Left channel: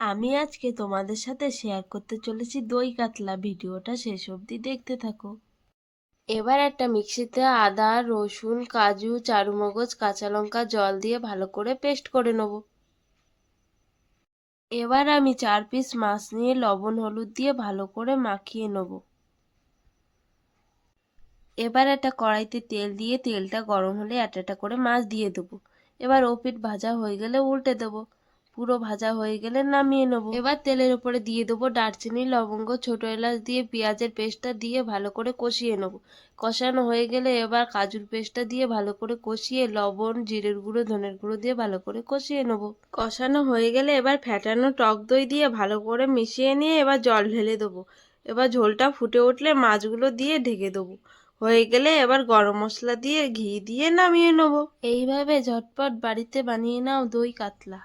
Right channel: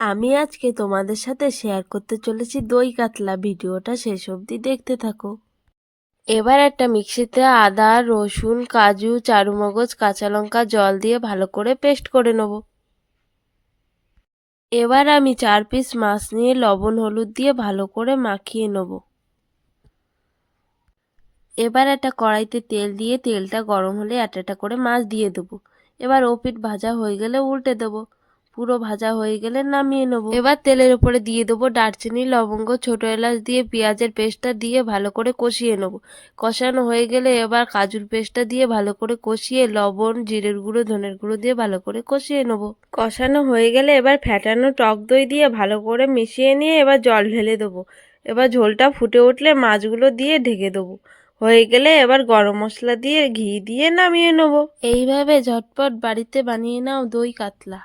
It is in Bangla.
আমি আজকে তোমাদের সাথে শেয়ার করতে চলেছি দই কাতলা। ভিডিওটা শেষ অবধি দেখতে থাকো। এবার একটা মিক্সিতে আদা, রসুন, কাজু, চারুমগজ, কাঁচা লঙ্কা জল দিয়ে ভালো করে পেস্ট করে নেব। এবার আমি 4 পিস মাছ নিয়ে লবণ হলুদ দিয়ে ভালো করে মাখিয়ে নেব। এবার একটা কড়াইতে তেল দিয়ে তেলটা গরম হলে একটা করে মাছ দিয়ে দেবো। এবার ও পিঠ ভাজা হয়ে গেলে উল্টে দেবো। পুরো ভাজা হয়ে গেলে নামিয়ে নেব। এবার তেলের উপরে দিয়ে দেবো দারচিনি, লবঙ্গ, ছোট এলাচ দিয়ে পেঁয়াজের পেস্টটা দিয়ে ভালো করে কষিয়ে নেব। কষানো হয়ে গেলে এবার কাজুর পেস্টটা দিয়ে ভালো করে কষিয়ে লবণ, জিরের গুঁড়ো, ধনের গুঁড়ো দিয়ে ভালো করে কষিয়ে নেব। কষানো হয়ে গেলে এবার ফ্যাটানো টক দই দিয়ে ভালো করে মিশিয়ে নিয়ে এবার জল ঢেলে দেবো। এবার ঝোলটা ফুটে উঠলে মাছগুলো দিয়ে ঢেকে দেবো। হয়ে গেলে এবার গরম মশলা দিয়ে ঘি দিয়ে নামিয়ে নেব। এইভাবে ঝটপট বাড়িতে বানিয়ে নাও দই কাতলা।